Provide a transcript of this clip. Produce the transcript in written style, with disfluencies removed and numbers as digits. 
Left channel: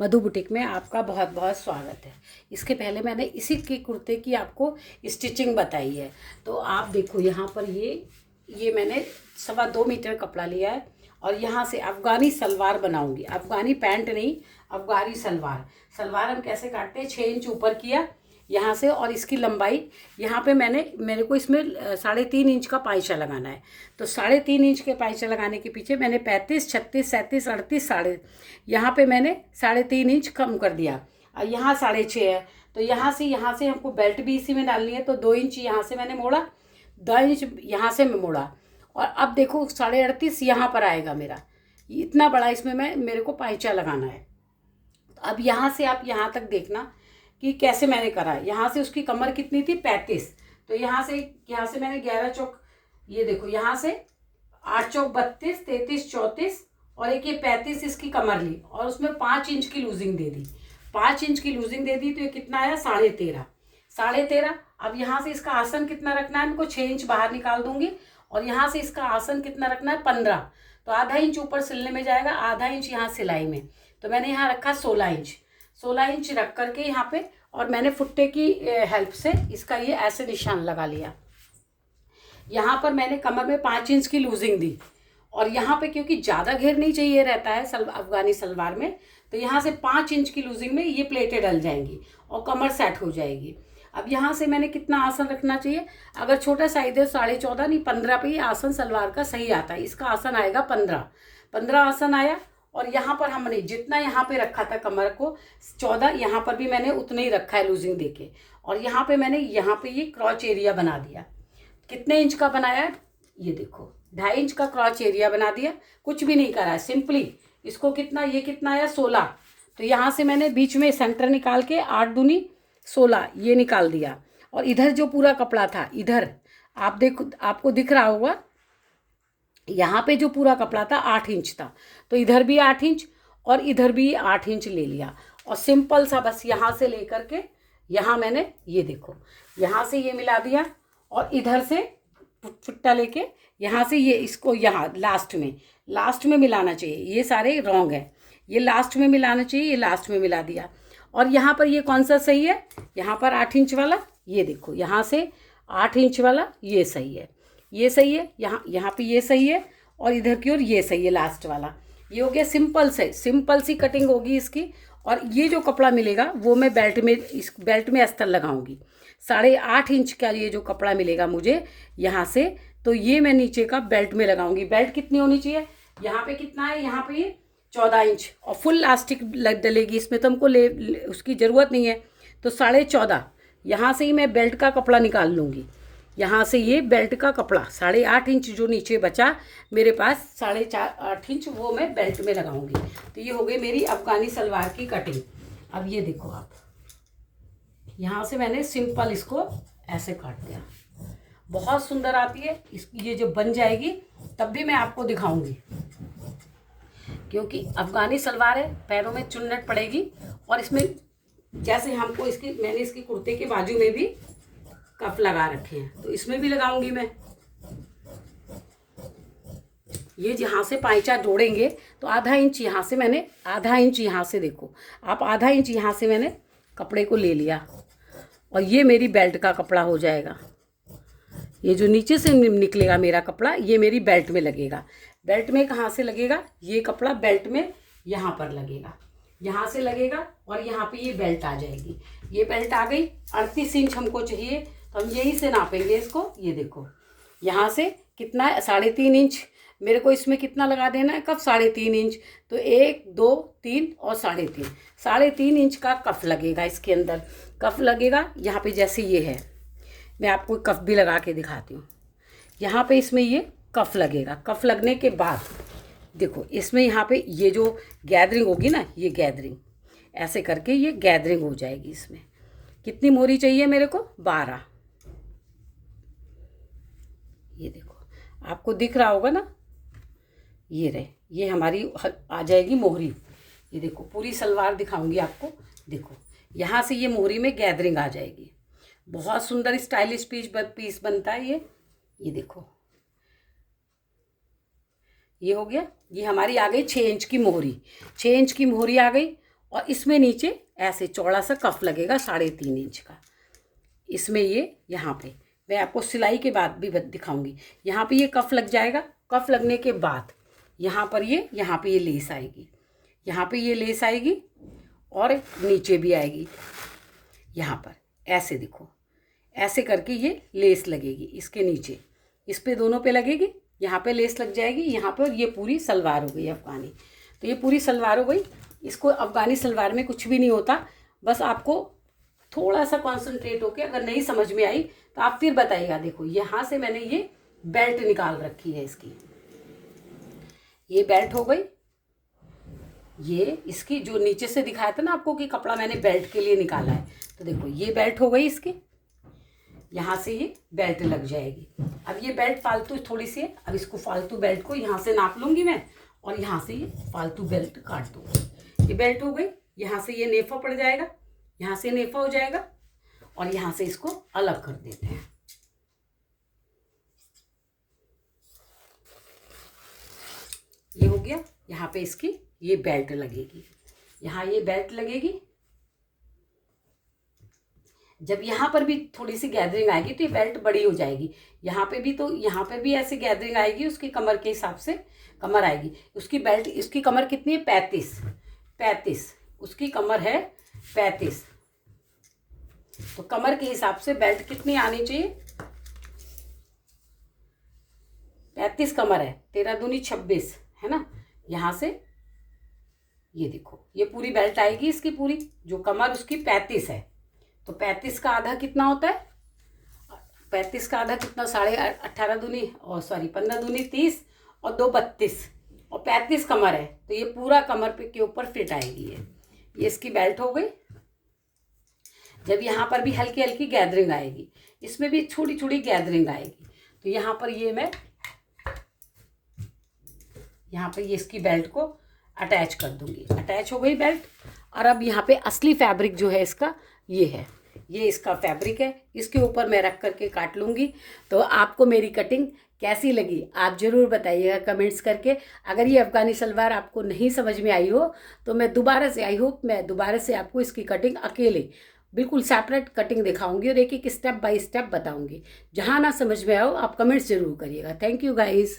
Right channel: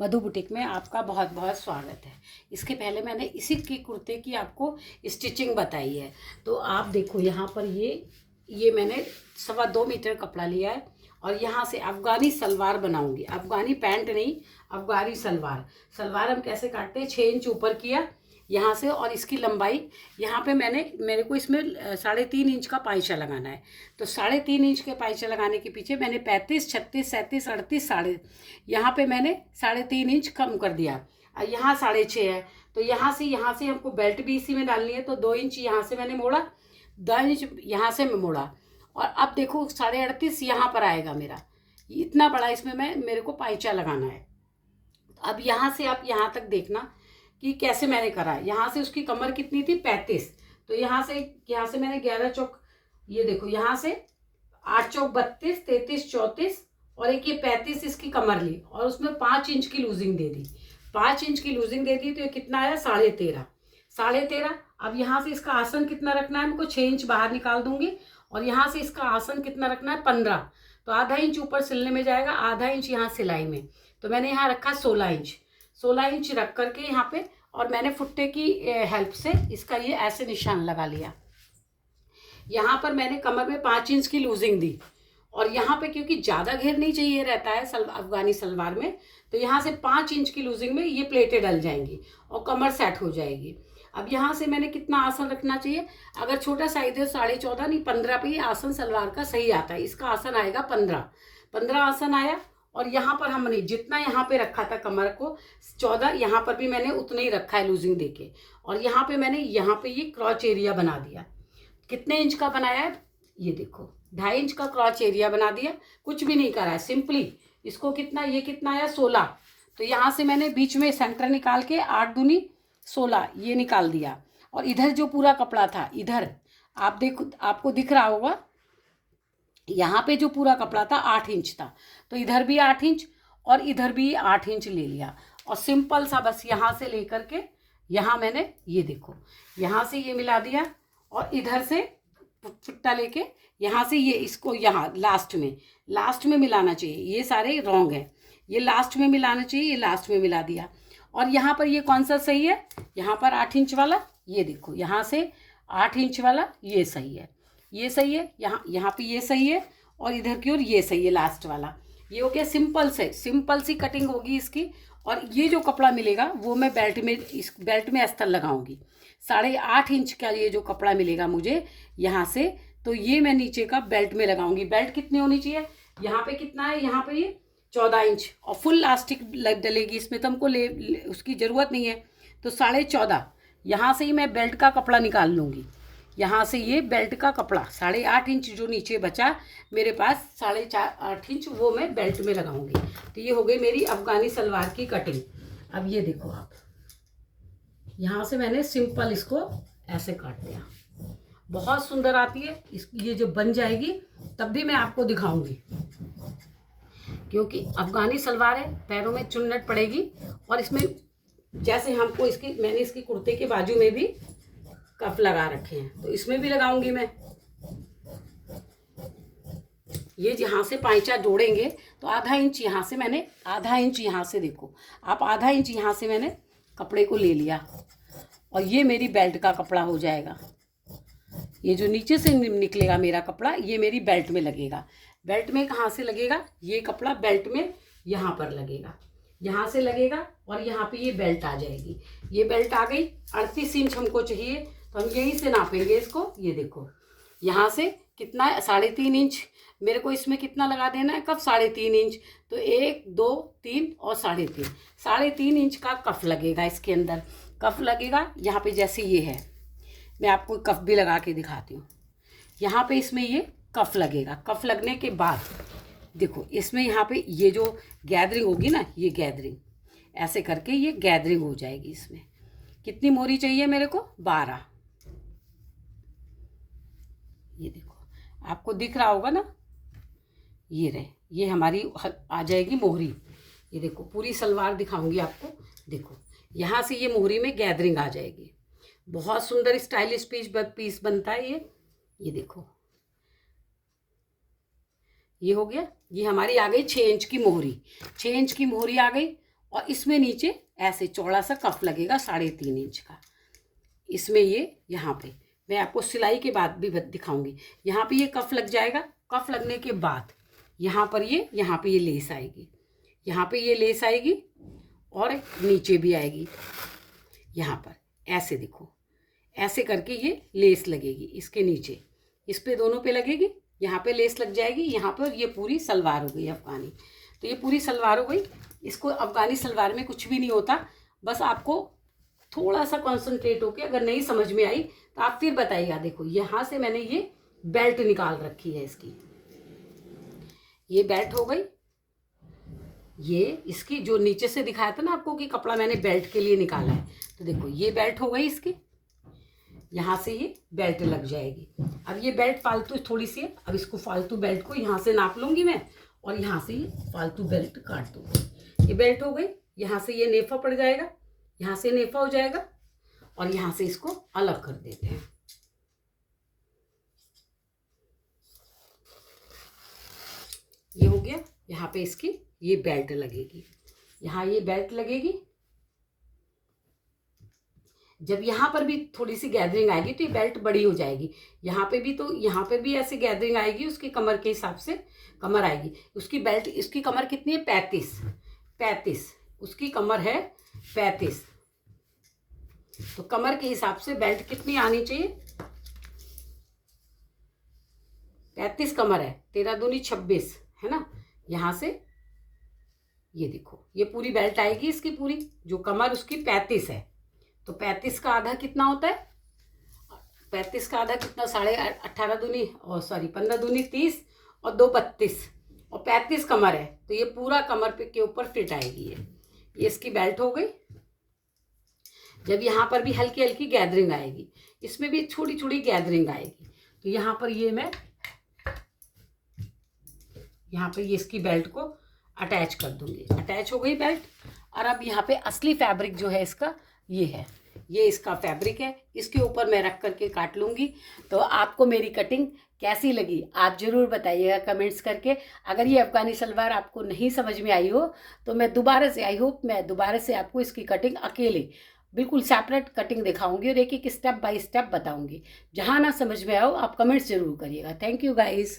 मधु boutique में आपका बहुत बहुत स्वागत है। इसके पहले मैंने इसी के कुर्ते की आपको स्टिचिंग बताई है। तो आप देखो यहाँ पर ये मैंने 2.25 मीटर कपड़ा लिया है और यहाँ से अफ़गानी सलवार बनाऊंगी। अफ़गानी पैंट नहीं, अफ़गानी सलवार। सलवार हम कैसे काटते हैं, 6 इंच ऊपर किया यहाँ से और इसकी लंबाई यहाँ पे मेरे को इसमें 3.5 इंच का पाइचा लगाना है। तो 3.5 इंच के पाइचा लगाने के पीछे मैंने 35, 36, 37, 38 यहाँ पे मैंने 3.5 इंच कम कर दिया और यहाँ 6.5 है। तो यहाँ से हमको बेल्ट भी इसी में डालनी है। तो 2 इंच यहाँ से मैंने मोड़ा, 2 इंच यहाँ से मैं मोड़ा और अब देखो 38.5 यहाँ पर आएगा मेरा। इतना बड़ा इसमें मेरे को पाइचा लगाना है। अब यहाँ से आप यहाँ तक देखना कि कैसे मैंने करा। यहाँ से उसकी कमर कितनी थी, 35। तो यहाँ से मैंने 11 चौक, ये देखो यहाँ से 8 चौक 32, 33, 34 और एक ये 35 इसकी कमर ली और उसमें 5 इंच की लूजिंग दे दी। 5 इंच की लूजिंग दे दी तो ये कितना आया, 13.5। 13.5। अब यहाँ से इसका आसन कितना रखना है हमको, 6 इंच बाहर निकाल दूंगी और यहाँ से इसका आसन कितना रखना है, 15। तो आधा इंच ऊपर सिलने में जाएगा, आधा इंच यहाँ सिलाई में। तो मैंने यहाँ रखा 16 इंच। 16 इंच रख करके यहाँ पे और मैंने फुट्टे की हेल्प से इसका ये ऐसे निशान लगा लिया। यहाँ पर मैंने कमर में 5 इंच की लूजिंग दी और यहाँ पे क्योंकि ज़्यादा घेर नहीं चाहिए रहता है अफगानी सलवार में, तो यहाँ से 5 इंच की लूजिंग में ये प्लेटें डल जाएंगी और कमर सेट हो जाएगी। अब यहाँ से मैंने कितना आसन रखना चाहिए, अगर छोटा साइज है 14.5 नहीं 15 पे ही आसन सलवार का सही आता है। इसका आसन आएगा 15 आसन आया। और यहाँ पर हमने जितना यहाँ पे रखा था कमर को 14, यहाँ पर भी मैंने उतना ही रखा है लूजिंग देके। और यहाँ पे मैंने यहाँ पे ये क्रॉच एरिया बना दिया। कितने इंच का बनाया है, ये देखो 2.5 इंच का क्रॉच एरिया बना दिया। कुछ भी नहीं करा है, सिंपली इसको कितना, ये कितना आया 16। तो यहाँ से मैंने बीच में सेंटर निकाल के 8 दूनी 16 ये निकाल दिया। और इधर जो पूरा कपड़ा था, इधर आप देखो, आपको दिख रहा होगा यहाँ पे जो पूरा कपड़ा था 8 इंच था। तो इधर भी 8 इंच और इधर भी 8 इंच ले लिया और सिंपल सा बस यहाँ से लेकर के यहाँ मैंने ये देखो यहाँ से ये मिला दिया और इधर से चुट्टा लेके यहाँ से ये इसको यहाँ लास्ट में मिलाना चाहिए। ये सारे रॉन्ग है, ये लास्ट में मिलाना चाहिए, ये लास्ट में मिला दिया। और यहाँ पर ये कौन सा सही है, यहाँ पर 8 इंच वाला, ये देखो यहाँ से 8 इंच वाला ये सही है, ये सही है, यहाँ पे ये सही है और इधर की ओर ये सही है लास्ट वाला। ये हो गया सिंपल सी कटिंग होगी इसकी। और ये जो कपड़ा मिलेगा वो मैं इस बेल्ट में अस्तर लगाऊंगी। 8.5 इंच का ये जो कपड़ा मिलेगा मुझे यहाँ से, तो ये मैं नीचे का बेल्ट में लगाऊंगी। बेल्ट कितनी होनी चाहिए, यहाँ पे कितना है, यहाँ पे ये 14 इंच और फुल लास्टिक डलेगी इसमें, तो हमको उसकी ज़रूरत नहीं है। तो 14.5 यहाँ से ही मैं बेल्ट का कपड़ा निकाल लूँगी। यहाँ से ये बेल्ट का कपड़ा 8.5 इंच जो नीचे बचा मेरे पास 8.5 इंच, वो मैं बेल्ट में लगाऊंगी। तो ये हो गई मेरी अफगानी सलवार की कटिंग। अब ये देखो आप, यहाँ से मैंने सिंपल इसको ऐसे काट दिया, बहुत सुंदर आती है। ये जब बन जाएगी तब भी मैं आपको दिखाऊंगी, क्योंकि अफगानी सलवार है, पैरों में चुन्नट पड़ेगी। और इसमें जैसे हमको मैंने इसकी कुर्ते के बाजू में भी कफ लगा रखे हैं, तो इसमें भी लगाऊंगी मैं। ये जहाँ से पाइचा जोड़ेंगे तो आधा इंच यहाँ से मैंने, आधा इंच यहाँ से देखो आप, आधा इंच यहाँ से मैंने कपड़े को ले लिया और ये मेरी बेल्ट का कपड़ा हो जाएगा। ये जो नीचे से निकलेगा मेरा कपड़ा, ये मेरी बेल्ट में लगेगा। बेल्ट में कहाँ से लगेगा, ये कपड़ा बेल्ट में यहाँ पर लगेगा, यहाँ से लगेगा और यहाँ पे ये बेल्ट आ जाएगी। ये बेल्ट आ गई। 38 इंच हमको चाहिए, तो हम यहीं से नापेंगे इसको। ये देखो यहाँ से कितना है, 3.5 इंच मेरे को इसमें कितना लगा देना है, कफ 3.5 इंच। तो 1, 2, 3 और 3.5 इंच का कफ लगेगा। इसके अंदर कफ लगेगा। यहाँ पे जैसे ये है, मैं आपको कफ भी लगा के दिखाती हूँ। यहाँ पे इसमें ये कफ लगेगा। कफ लगने के बाद देखो इसमें यहाँ पे ये जो गैदरिंग होगी ना, ये गैदरिंग ऐसे करके ये गैदरिंग हो जाएगी। इसमें कितनी मोहरी चाहिए मेरे को, 12। ये देखो आपको दिख रहा होगा ना, ये रहे, ये हमारी आ जाएगी मोहरी। ये देखो पूरी सलवार दिखाऊंगी आपको। देखो यहाँ से ये मोहरी में गैदरिंग आ जाएगी। बहुत सुंदर स्टाइलिश पीस बनता है ये देखो ये हो गया। ये हमारी आ गई 6 इंच की मोहरी। 6 इंच की मोहरी आ गई और इसमें नीचे ऐसे चौड़ा सा कफ लगेगा 3.5 इंच का। इसमें ये यहाँ पे मैं आपको सिलाई के बाद भी दिखाऊंगी। यहाँ पे ये कफ लग जाएगा। कफ लगने के बाद यहाँ पर यहाँ पे ये लेस आएगी, यहाँ पे ये लेस आएगी और नीचे भी आएगी। यहाँ पर ऐसे देखो, ऐसे करके ये लेस लगेगी इसके नीचे, इस पे दोनों पे लगेगी, यहाँ पे लेस लग जाएगी यहाँ पे। और ये पूरी सलवार हो गई अफ़गानी। तो ये पूरी सलवार हो गई। इसको अफ़गानी सलवार में कुछ भी नहीं होता, बस आपको थोड़ा सा कॉन्सेंट्रेट होके, अगर नहीं समझ में आई तो आप फिर बताइएगा। देखो यहाँ से मैंने ये बेल्ट निकाल रखी है इसकी, ये बेल्ट हो गई। ये इसकी जो नीचे से दिखाया था ना आपको कि कपड़ा मैंने बेल्ट के लिए निकाला है, तो देखो ये बेल्ट हो गई इसकी। यहाँ से ये बेल्ट लग जाएगी। अब ये बेल्ट फालतू थोड़ी सी है, अब इसको फालतू बेल्ट को यहाँ से नाप लूँगी मैं और यहाँ से ये फालतू बेल्ट काट दूँगी। ये बेल्ट हो गई। यहाँ से ये नेफा पड़ जाएगा, यहाँ से नेफा हो जाएगा और यहाँ से इसको अलग कर देते हैं। ये हो गया। यहाँ पे इसकी ये बेल्ट लगेगी, यहाँ ये बेल्ट लगेगी। जब यहाँ पर भी थोड़ी सी गैदरिंग आएगी तो ये बेल्ट बड़ी हो जाएगी। यहाँ पे भी, तो यहाँ पे भी ऐसी गैदरिंग आएगी, उसकी कमर के हिसाब से कमर आएगी। उसकी बेल्ट, इसकी कमर कितनी है? 35। उसकी कमर है 35। तो कमर के हिसाब से बेल्ट कितनी आनी चाहिए? 35 कमर है, 13 दूनी 26 है ना। यहाँ से ये देखो, ये पूरी बेल्ट आएगी इसकी पूरी, जो कमर उसकी 35 है। तो 35 का आधा कितना होता है? 35 का आधा कितना? 18.5 दूनी, और सॉरी 15 दूनी 30 और 2 32 और 35 कमर है, तो ये पूरा कमर पे के ऊपर फिट आएगी। ये इसकी बेल्ट हो गई। जब यहाँ पर भी हल्की हल्की गैदरिंग आएगी, इसमें भी छोटी छोटी गैदरिंग आएगी, तो यहाँ पर ये मैं यहाँ पर ये इसकी बेल्ट को अटैच कर दूंगी। अटैच हो गई बेल्ट। और अब यहाँ पे असली फैब्रिक जो है इसका ये है, ये इसका फैब्रिक है, इसके ऊपर मैं रख करके काट लूँगी। तो आपको मेरी कटिंग कैसी लगी आप ज़रूर बताइएगा कमेंट्स करके। अगर ये अफ़गानी सलवार आपको नहीं समझ में आई हो तो मैं दोबारा से आपको इसकी कटिंग अकेले बिल्कुल सेपरेट कटिंग दिखाऊंगी और एक एक स्टेप बाय स्टेप बताऊंगी। जहाँ ना समझ में आओ आप कमेंट्स ज़रूर करिएगा। Thank you guys.